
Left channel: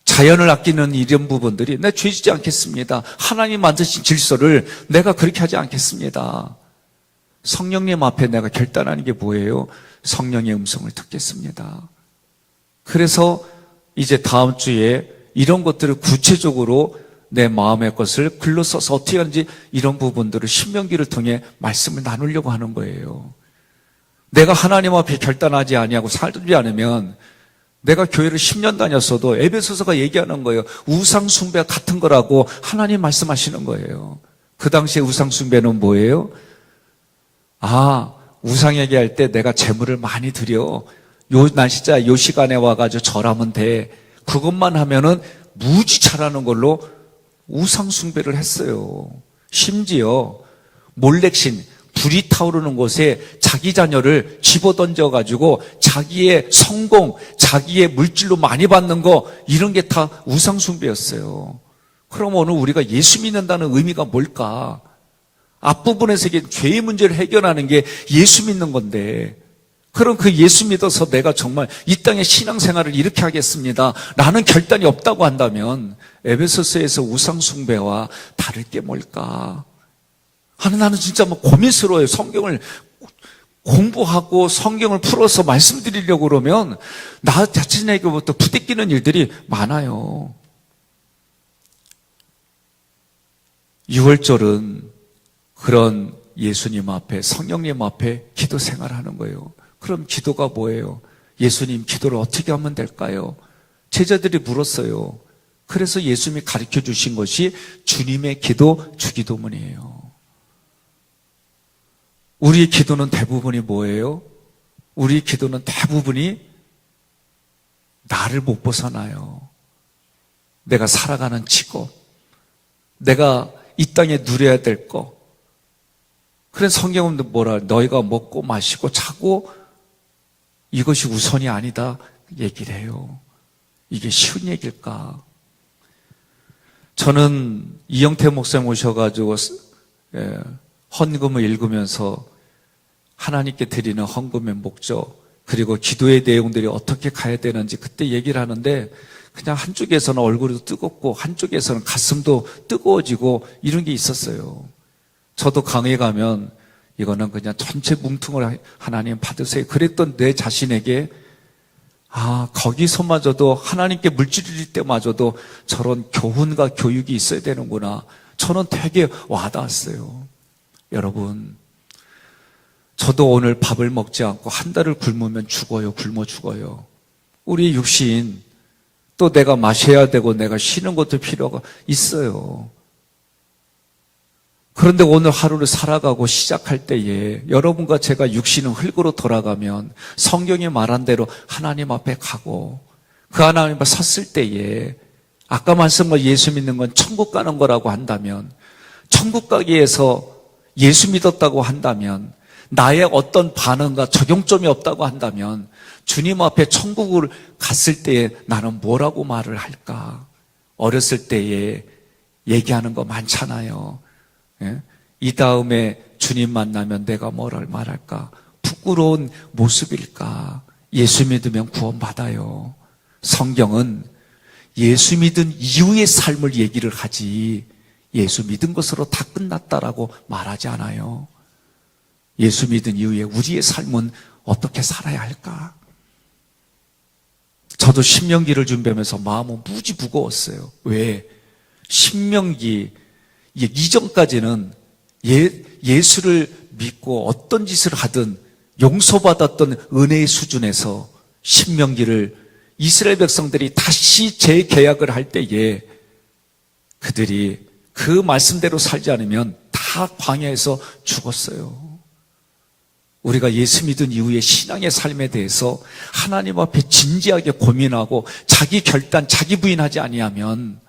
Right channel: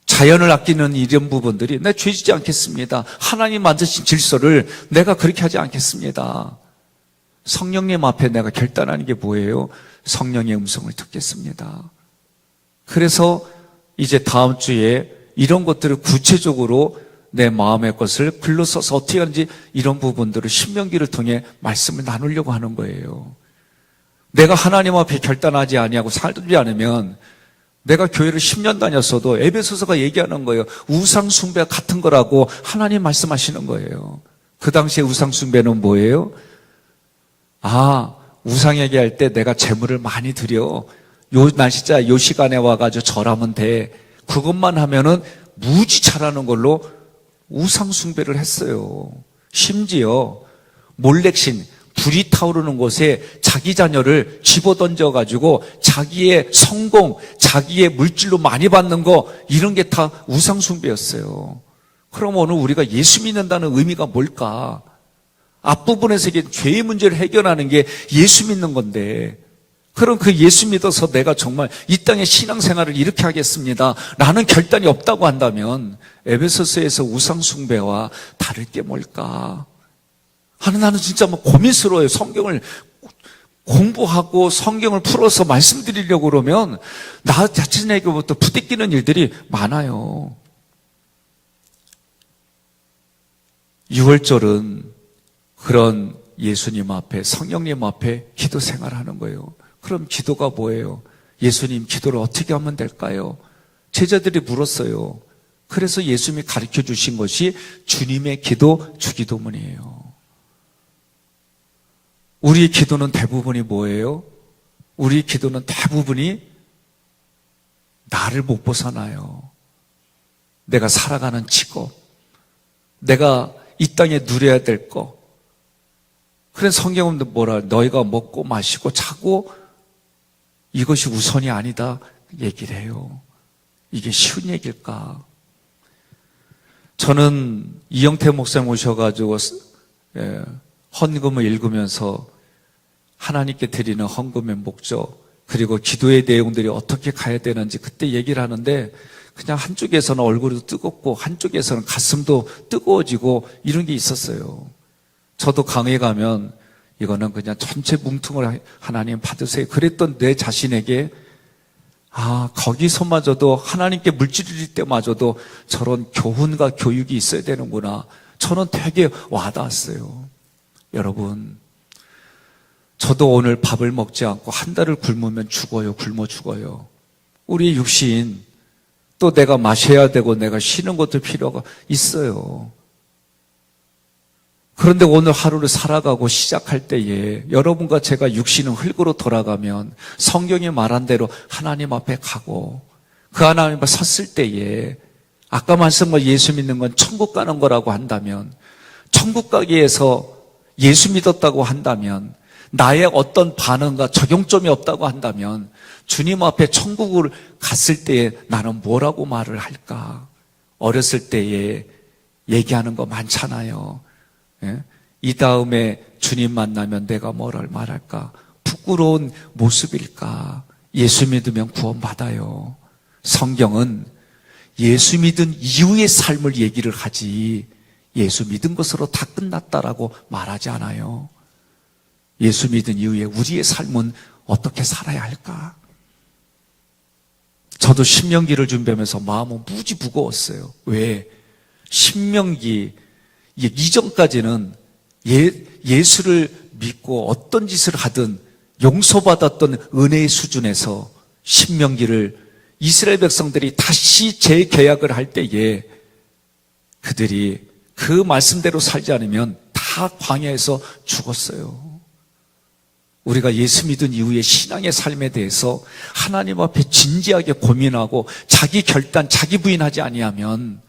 자연을 아끼는 이런 부분들이 내가 죄 짓지 않겠습니다. 하나님 만드신 질서를 내가 그렇게 하지 않겠습니다. 성령님 앞에 내가 결단하는 게 뭐예요? 성령의 음성을 듣겠습니다. 그래서 이제 다음 주에 이런 것들을 구체적으로 내 마음의 것을 글로 써서 어떻게 하는지 이런 부분들을 신명기를 통해 말씀을 나누려고 하는 거예요. 내가 하나님 앞에 결단하지 아니하고 살지 않으면 내가 교회를 10년 다녔어도 에베소서가 얘기하는 거예요. 우상 숭배가 같은 거라고 하나님 말씀하시는 거예요. 그 당시에 우상 숭배는 뭐예요? 우상 얘기할 때 내가 재물을 많이 드려. 요 날짜 요 시간에 와가지고 절하면 돼. 그것만 하면은 무지 잘하는 걸로 우상 숭배를 했어요. 심지어 몰렉신, 불이 타오르는 곳에 자기 자녀를 집어던져가지고 자기의 성공, 자기의 물질로 많이 받는 거 이런 게 다 우상 숭배였어요. 그럼 오늘 우리가 예수 믿는다는 의미가 뭘까? 앞부분에서 이게 죄의 문제를 해결하는 게 예수 믿는 건데 그럼 그 예수 믿어서 내가 정말 이 땅의 신앙생활을 이렇게 하겠습니다 라는 결단이 없다고 한다면 에베소서에서 우상 숭배와 다를 게 뭘까? 나는 진짜 고민스러워요. 성경을 공부하고 성경을 풀어서 말씀드리려고 그러면 나 자신에게부터 부딪히는 일들이 많아요. 6월절은 그런 예수님 앞에, 성령님 앞에 기도 생활하는 거예요. 그럼 기도가 뭐예요? 예수님 기도를 어떻게 하면 될까요? 제자들이 물었어요. 그래서 예수님이 가르쳐 주신 것이 주님의 기도, 주기도문이에요. 우리 기도는 대부분이 뭐예요? 우리 기도는 대부분이 나를 못 벗어나요. 내가 살아가는 직업, 내가 이 땅에 누려야 될 거. 그래서 성경은 뭐라, 너희가 먹고 마시고 자고 이것이 우선이 아니다 얘기를 해요. 이게 쉬운 얘기일까? 저는 이영태 목사님 오셔가지고 헌금을 읽으면서 하나님께 드리는 헌금의 목적, 그리고 기도의 내용들이 어떻게 가야 되는지 그때 얘기를 하는데, 그냥 한쪽에서는 얼굴도 뜨겁고 한쪽에서는 가슴도 뜨거워지고 이런 게 있었어요. 저도 강에 가면 이거는 그냥 전체 뭉퉁을 하나님 받으세요 그랬던 내 자신에게, 거기서마저도 하나님께 물질 드릴 때마저도 저런 교훈과 교육이 있어야 되는구나. 저는 되게 와닿았어요. 여러분, 저도 오늘 밥을 먹지 않고 한 달을 굶으면 죽어요. 굶어 죽어요. 우리 육신, 또 내가 마셔야 되고 내가 쉬는 것도 필요가 있어요. 그런데 오늘 하루를 살아가고 시작할 때에 여러분과 제가 육신은 흙으로 돌아가면 성경이 말한 대로 하나님 앞에 가고 그 하나님 앞에 섰을 때에, 아까 말씀한 예수 믿는 건 천국 가는 거라고 한다면, 천국 가기 위해서 예수 믿었다고 한다면, 나의 어떤 반응과 적용점이 없다고 한다면 주님 앞에 천국을 갔을 때에 나는 뭐라고 말을 할까? 어렸을 때에 얘기하는 거 많잖아요. 이 다음에 주님 만나면 내가 뭐를 말할까? 부끄러운 모습일까? 예수 믿으면 구원받아요. 성경은 예수 믿은 이후의 삶을 얘기를 하지 예수 믿은 것으로 다 끝났다라고 말하지 않아요. 예수 믿은 이후에 우리의 삶은 어떻게 살아야 할까? 저도 신명기를 준비하면서 마음은 무지 무거웠어요. 왜? 신명기 이전까지는 예수를 믿고 어떤 짓을 하든 용서받았던 은혜의 수준에서 신명기를 이스라엘 백성들이 다시 재계약을 할 때에 그들이 그 말씀대로 살지 않으면 다 광야에서 죽었어요. 우리가 예수 믿은 이후의 신앙의 삶에 대해서 하나님 앞에 진지하게 고민하고 자기 결단, 자기 부인하지 아니하면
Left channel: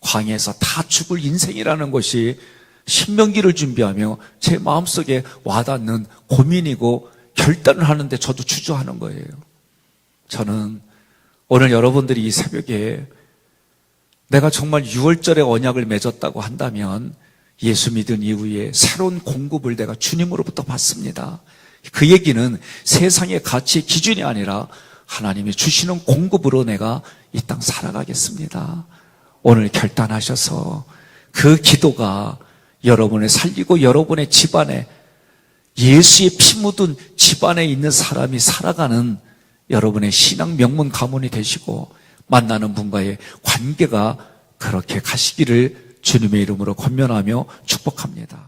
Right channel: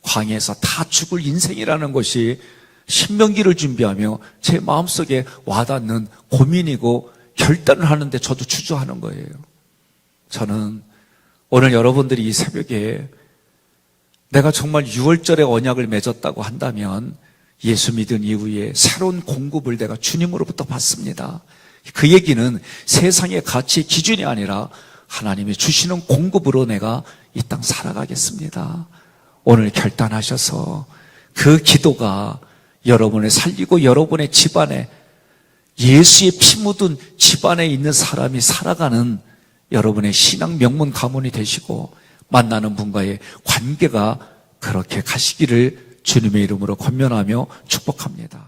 광야에서 다 죽을 인생이라는 것이 신명기를 준비하며 제 마음속에 와닿는 고민이고, 결단을 하는데 저도 주저하는 거예요. 저는 오늘 여러분들이 이 새벽에 내가 정말 6월절에 언약을 맺었다고 한다면 예수 믿은 이후에 새로운 공급을 내가 주님으로부터 받습니다. 그 얘기는 세상의 가치 기준이 아니라 하나님이 주시는 공급으로 내가 이 땅 살아가겠습니다. 오늘 결단하셔서 그 기도가 여러분을 살리고 여러분의 집안에, 예수의 피 묻은 집안에 있는 사람이 살아가는 여러분의 신앙 명문 가문이 되시고 만나는 분과의 관계가 그렇게 가시기를 주님의 이름으로 권면하며 축복합니다.